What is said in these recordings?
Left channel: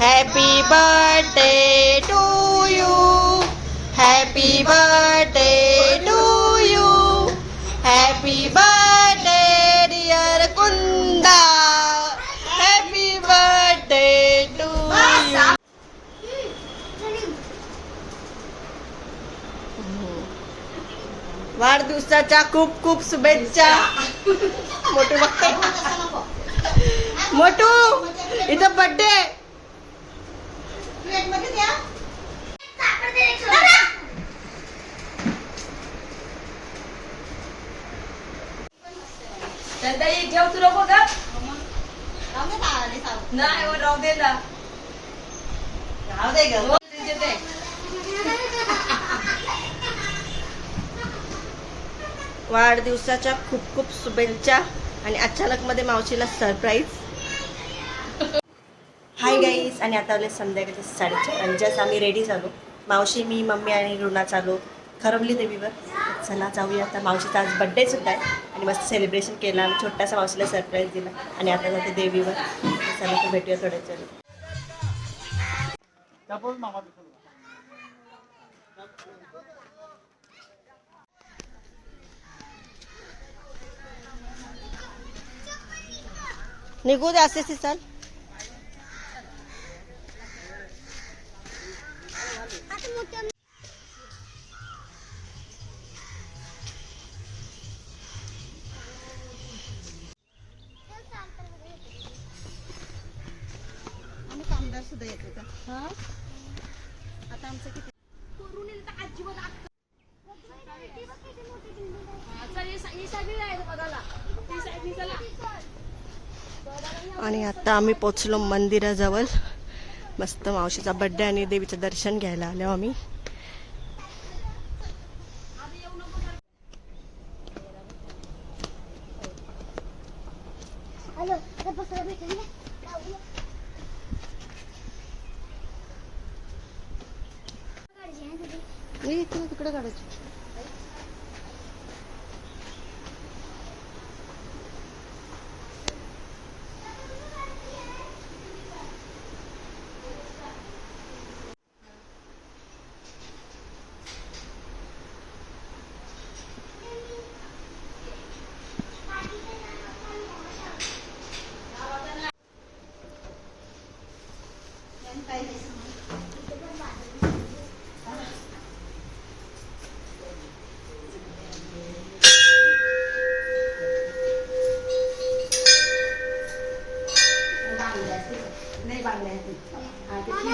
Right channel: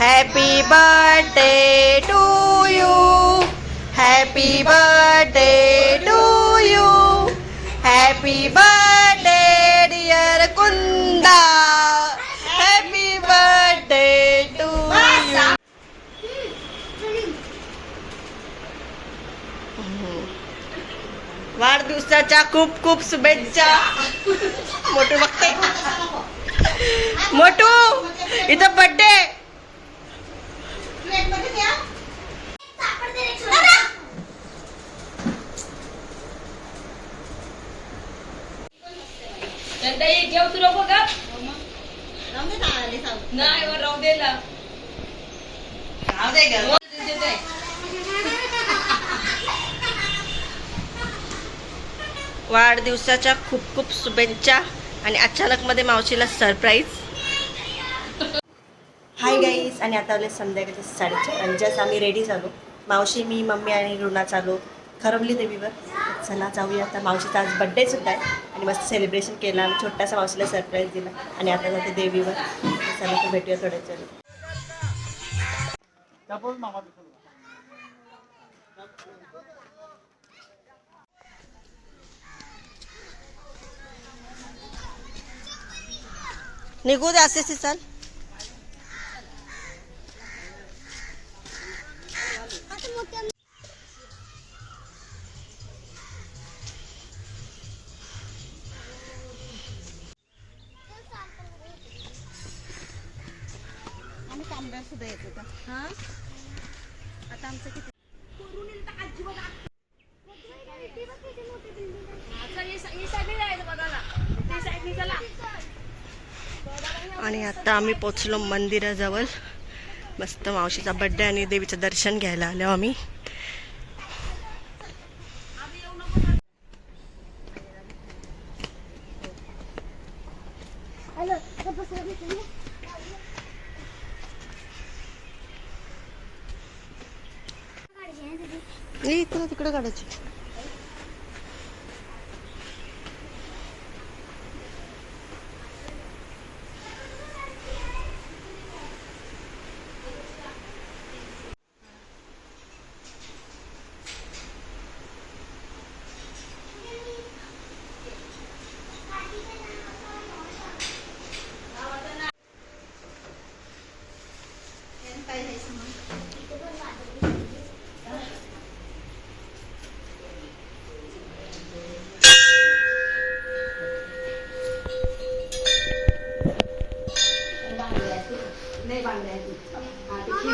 Happy birthday to you happy birthday to you happy birthday dear Kunda happy birthday to you वाढदिवसाच्या खूप खूप शुभेच्छा. मोठू बघते. मोठू इथं बर्थडे जेव तू नको का नाही वर राहू दे ना. राहू दे ग. हो. वाढदिवसाच्या खूप खूप शुभेच्छा आणि अचानक मध्ये मावशीला सरप्राईज हाय गाईज आणि आता आले संध्याकाळचे साडेचार. आणि जस्ट आम्ही रेडी झालो. मावशी मी मम्मी आणि रुना चालू. खरवली देवीवर. चला जाऊया आता. मावशीचा आज बड्डे सुद्धा आहे. आणि मस्त सेलिब्रेशन केलं. आणि छोटासा मावशीला सरप्राईज दिला. आणि आता जाते देवीवर. चला तर भेटूया थोड्या चलो निघू द्या असे चाल. आणि आता आम्ही पोचलो मंदिराजवळ. मस्त मावशीचा बड्डे आणि देवीचं दर्शन घ्यायला आलो आम्ही. ए, इकडं तिकडं काढायची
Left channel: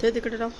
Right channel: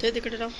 ते तिकडे राहू.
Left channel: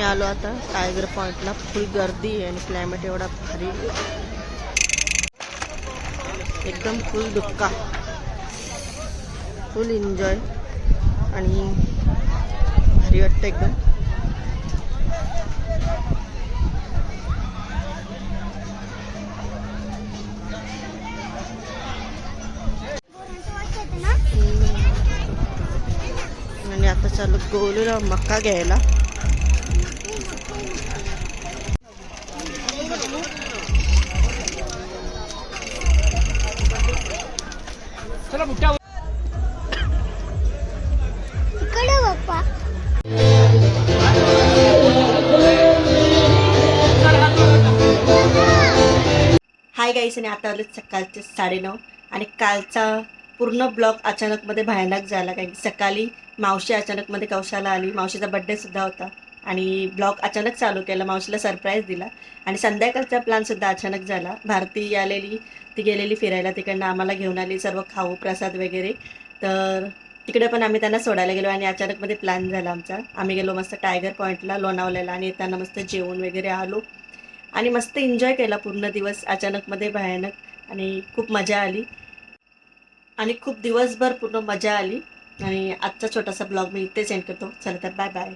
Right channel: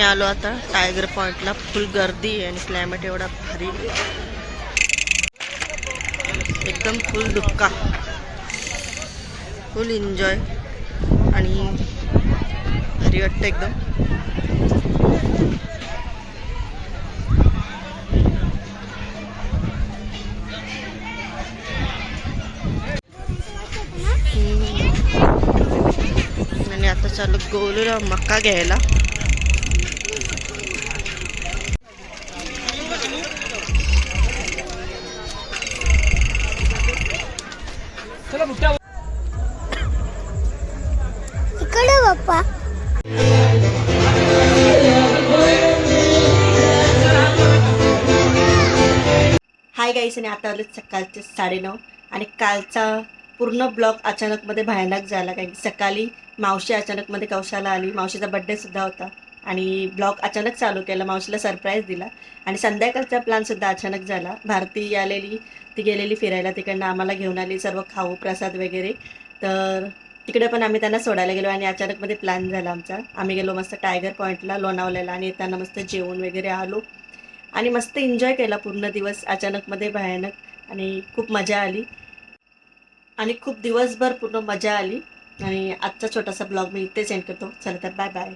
आणि आम्ही आलो आता. टायगर पॉईंटला फुल गर्दी आहे आणि क्लायमेट एवढा भारी एकदम फुल दुक्का फुल एन्जॉय आणि भारी वाटतं एकदम. आणि आता चालू गोलूला मका घ्यायला. हाय गाईस आणि आता आले सकाळचे साडेनऊ. आणि कालचा पूर्ण ब्लॉग अचानकमध्ये भयानक झाला. कारण की सकाळी मावशी अचानकमध्ये कौशाला आली. मावशीचा बड्डे सुद्धा होता. आणि ब्लॉग अचानक चालू केला. मावशीला सरप्राईज दिला. आणि संध्याकाळचा प्लॅनसुद्धा अचानक झाला. भारती आलेली. ती गेलेली फिरायला. तिकडनं आम्हाला घेऊन आली. सर्व खाऊ प्रसाद वगैरे. तर तिकडे पण आम्ही त्यांना सोडायला गेलो आणि अचानकमध्ये प्लॅन झाला आमचा. आम्ही गेलो मस्त टायगर पॉईंटला लोणावल्याला. आणि येताना मस्त जेवण वगैरे आलो. आणि मस्त एन्जॉय केला पूर्ण दिवस. अचानकमध्ये भयानक. आणि खूप मजा आली. आणि खूप दिवसभर पूर्ण मजा आली. आणि आजचा छोटासा ब्लॉग मी इथे सेंड करतो. चला तर बाय बाय